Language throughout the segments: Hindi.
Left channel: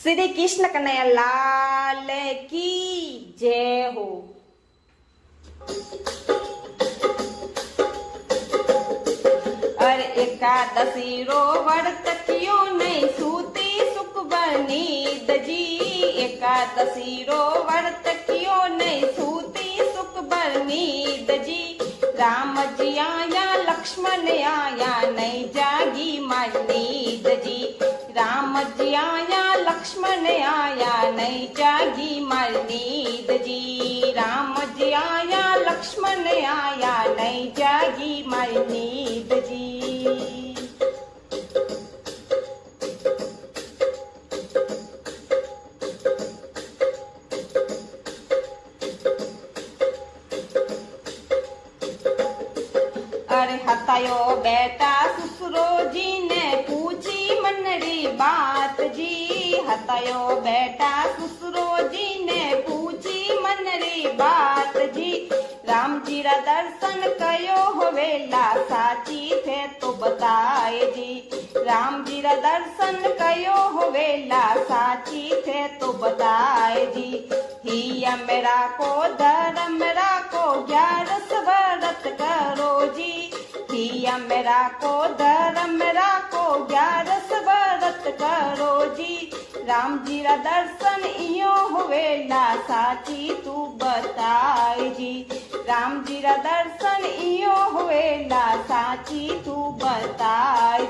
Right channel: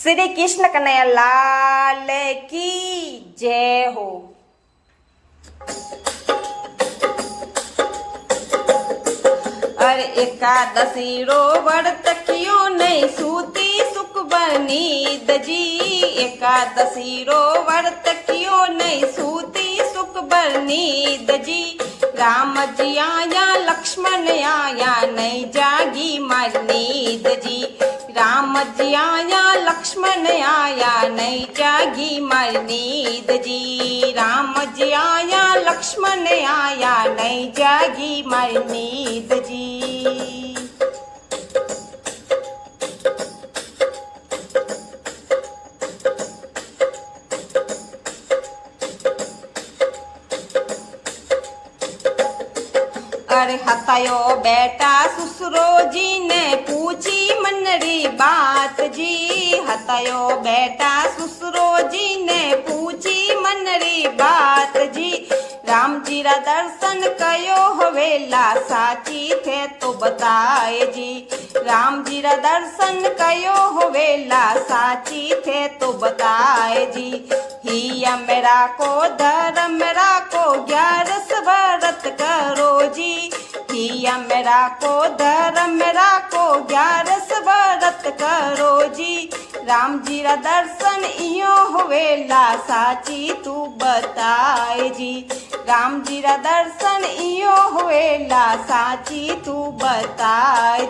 श्री कृष्ण कन्हैया लाल की जय हो। अरे एकादशी रो व्रत कियो नहीं सूती सुख बनीद जी। एकादशी रो व्रत कियो नहीं सूती सुख बनीद जी। राम जी आया लक्ष्मण आया नहीं जागी मारी नींद जी। राम जी आया लक्ष्मण आया नहीं जागी मारी नींद जी। राम जी आया लक्ष्मण आया नहीं जागी मारी नींद जी। अरे हतायो बेटा ससुरो जी ने पूछी मनरी बात जी। हतायो बेटा ससुरो जी ने पूछी मनरी बात जी। राम जी रा दर्शन कयो हवेला साची थे तो बताए जी। राम जी रा दर्शन कयो हवेला साची थे तो बताए जी। हिया मेरा को धर्म राको 11 व्रत करो जी। हिया मेरा को धर्म राको 11 व्रत करो जी। राम जी रा दर्शन इयो होवेला साची तू बताए जी। राम जी रा दर्शन इयो होवेला साची तू बताए।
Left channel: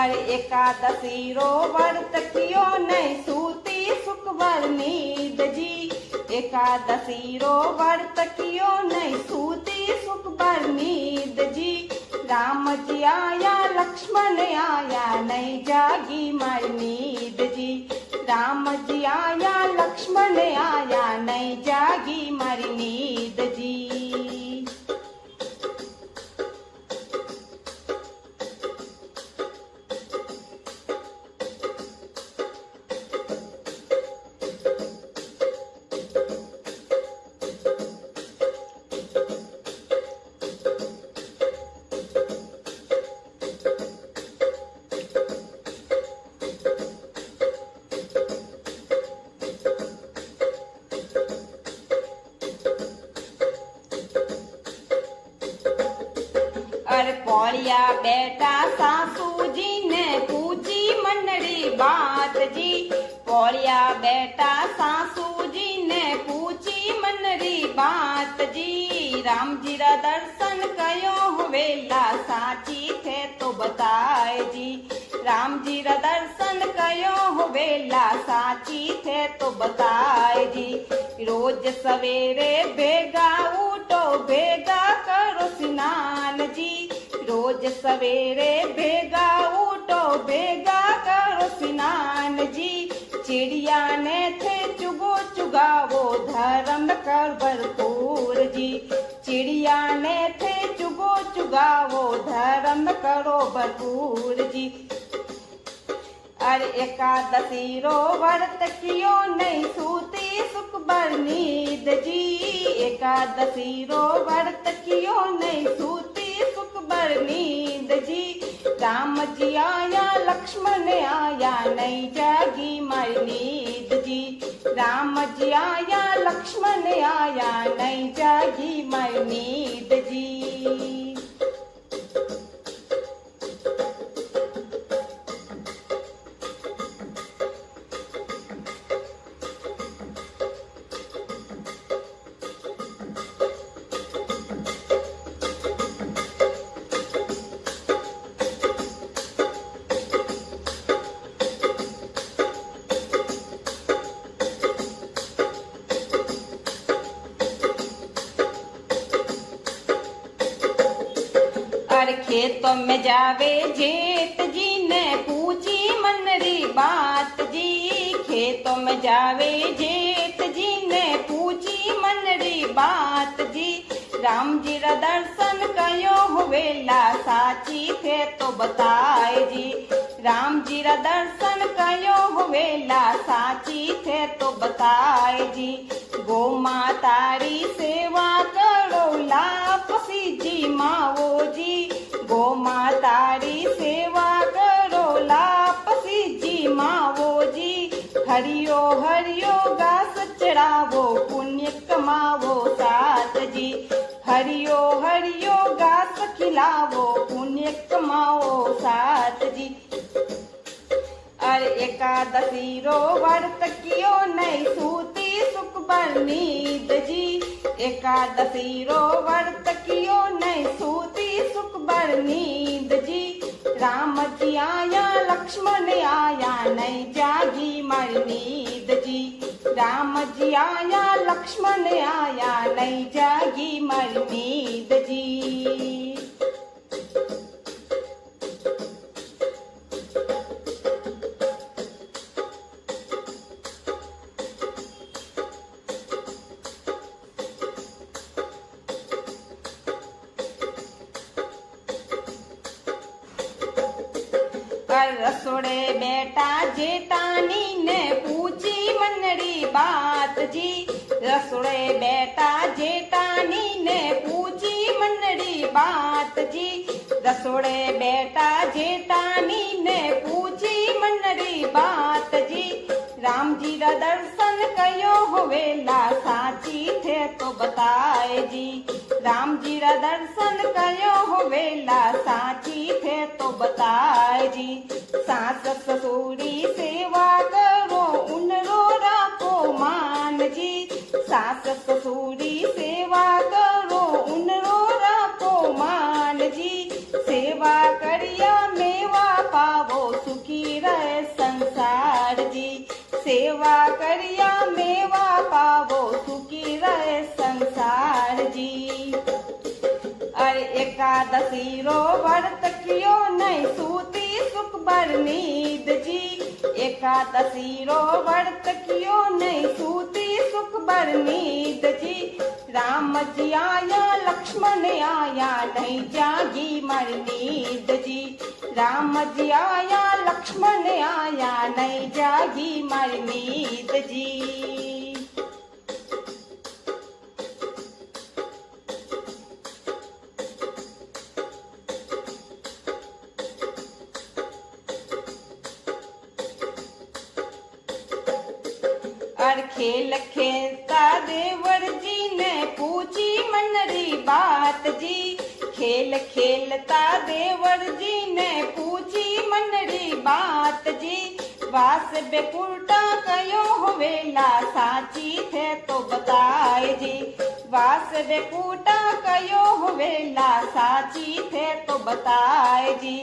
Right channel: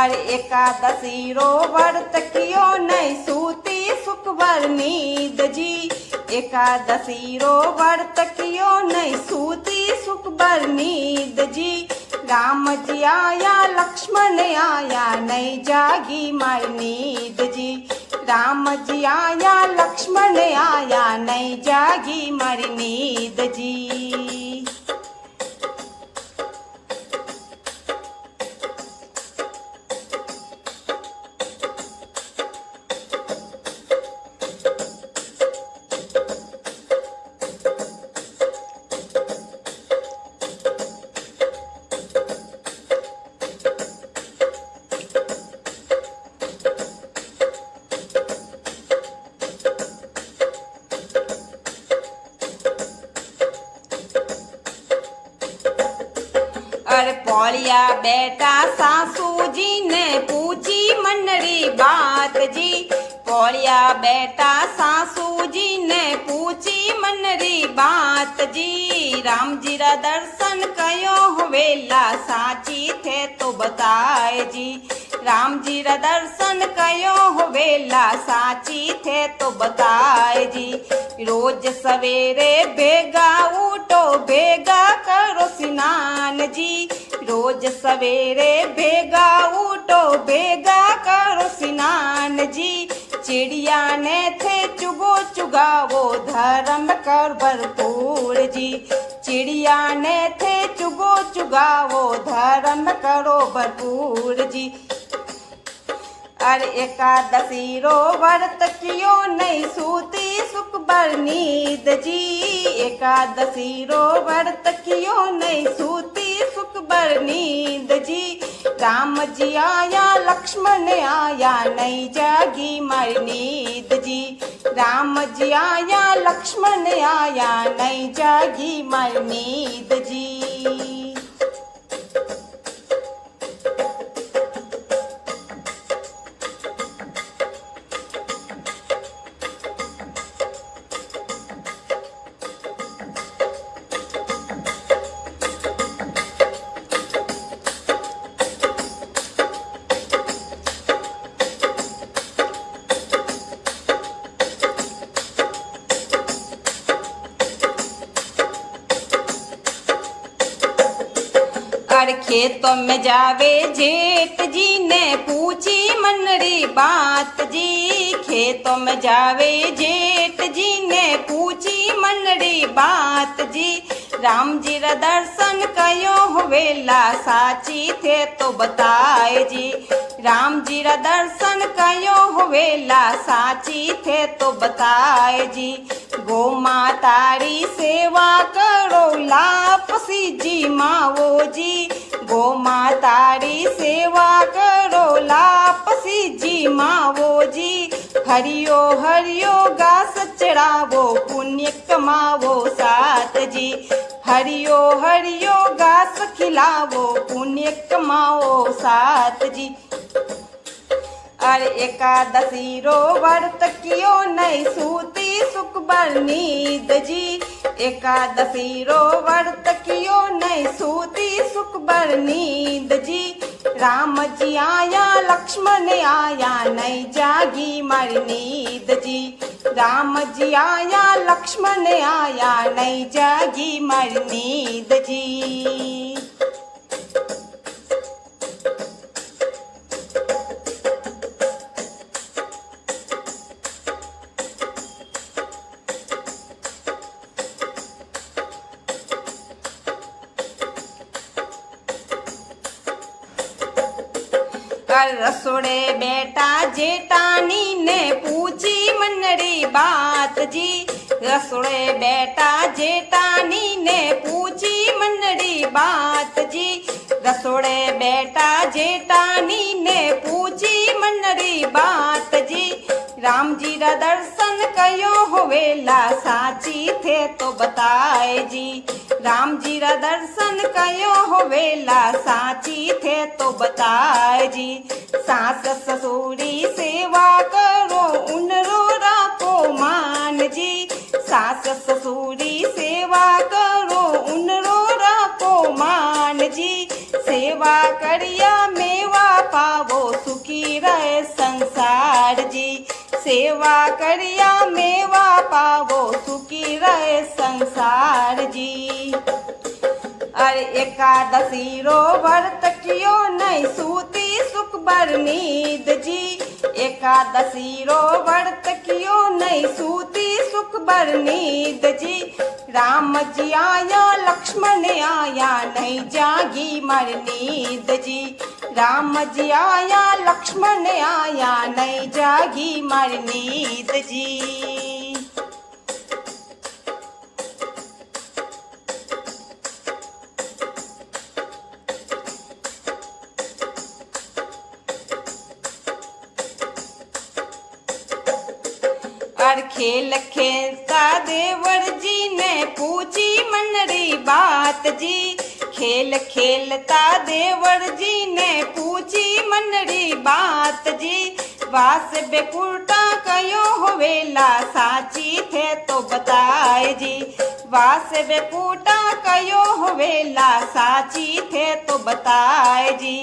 अरे एकादशी रो व्रत कियो नहीं सूती सुख भर नींद जी। एकादशी रो व्रत कियो नहीं सूती सुख भर नींद जी। राम जी आया लक्ष्मण आया नहीं जागी मारी नींद जी। राम जी आया लक्ष्मण आया नहीं जागी मारी नींद जी। अरे पौलिया बेटा सासू जी ने पूछी मनरी बात जी। पौलिया बेटा सासू जी ने पूछी मनरी बात जी। राम जी रा दर्शन कयो हवेला साची थे तो बताए जी। राम जी रा दर्शन कयो हवेला साची थे तो बताए जी। रोज सवेरे बेगा उठो बेगा करो स्नान जी। रोज सवेरे बेगा उठो बेगा करो स्नान जी। चिड़िया ने थे चुगो चुगावो धर्म कर भरपूर जी। चिड़िया ने थे चुगो चुगावो धर्म करो भरपूर जी। अरे एकादशी रो व्रत कियो नहीं सूती सुख भर नींद जी। एकादशी रो व्रत कियो नहीं सूती सुख भर नींद जी। राम जी आया लक्ष्मण आया नहीं जागी मारी नींद जी। राम जी आया लक्ष्मण आया नहीं जागी मारी नींद जी। अरे खेतों में जावे जेठ जी ने पूछी मनरी बात जी। खेतों में जावे जेठ जी ने पूछी मनरी बात जी। राम जी रा दर्शन कयो हवेला साची थे तो बताए जी। राम जी रा दर्शन कयो हवेला साची थे तो बताए जी। गो मातारी सेवा करो लापसी जी मावो जी। गो मातारी सेवा करो लापसी जी मावो जी। हरियो हरियो घास चढ़ावो पुण्य कमावो साथ जी। हरियो हरियो घास खिलावो पुण्य कमाओ साथ जी। अरे एकादशी रो व्रत कियो नहीं सूती सुख भर नींद जी। एकादशी रो व्रत कियो नहीं सूती सुख भर नींद जी। राम जी आया लक्ष्मण आया नहीं जागी मारी नींद जी। राम जी आया लक्ष्मण आया नहीं जागी मारी नींद जी। रसोड़े बेटा जेठानी ने पूछी मनड़ी बात जी। रसोड़े बेटा जेठानी ने पूछी मनड़ी बात जी। रसोड़े बेटा जेठानी ने पूछी मनड़ी बात जी। राम जी रा दर्शन कयो हो वेला साची थे तो बताए जी। राम जी रा दर्शन कयो हो वेला साची थे तो बताए जी। सास ससुरी सेवा करो उनरो राखो मान जी। सास ससुरी सेवा करो उनरो राखो मान जी। सेवा करिया मेवा पावो सुखी रहे संसार जी। सेवा करिया मेवा पावो सुखी रहे संसार जी। अरे एकादशी रो व्रत कियो नहीं सूती सुख भर नींद जी। एकादशी रो व्रत कियो नहीं सूती सुख भर नींद जी। राम जी आया लक्ष्मण आया नहीं जागी मर नींद जी। राम जी आया लक्ष्मण आया नहीं जागी मर नींद जी। और खेल खेलता देवर जी ने पूछी मनरी बात जी। खेल खेलता देवर जी ने पूछी मनरी बात जी। वास बेपुरता कयो हो वेला साची थे तो बताए जी। वास बेपुरता कयो हो वेला साची थे तो बताए जी।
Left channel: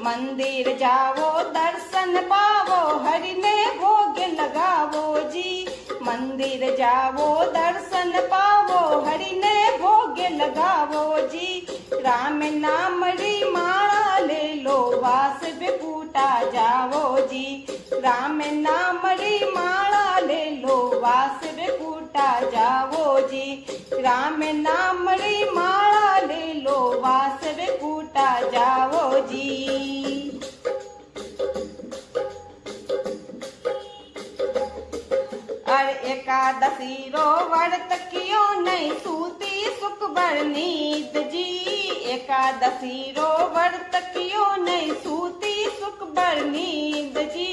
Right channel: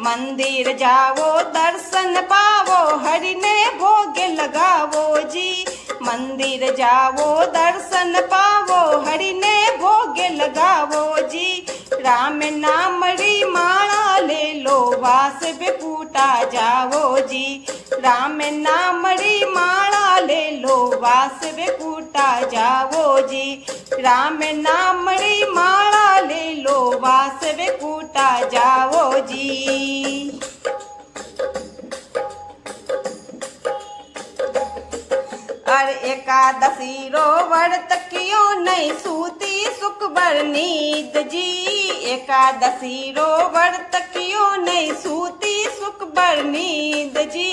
मंदिर जाओ दर्शन पावो हरि ने भोग लगावो जी। मंदिर जाओ दर्शन पावो हरि ने भोग लगावो जी। राम नाम री माला ले लो वास बेपूटा जावो जी। राम नाम री माला ले लो वास बेपूटा जावो जी। राम नाम री माला ले लो वास बेपूटा जावो जी। और एकादशी रो व्रत कियो नहीं सूती सुख भर नींद जी। एकादशी रो व्रत कियो नहीं सूती सुख भर नींद जी।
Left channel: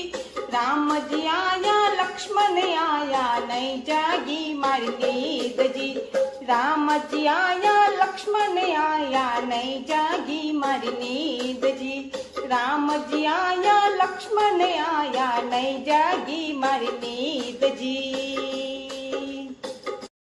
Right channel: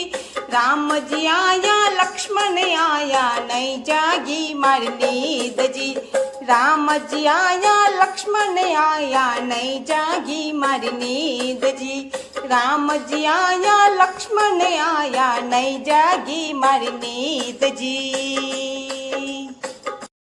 राम जी आया लक्ष्मण आया नहीं जागी मर नींद जी। राम जी आया लक्ष्मण आया नहीं जागी मर नींद जी। राम जी आया लक्ष्मण आया नहीं जागी मर नींद जी।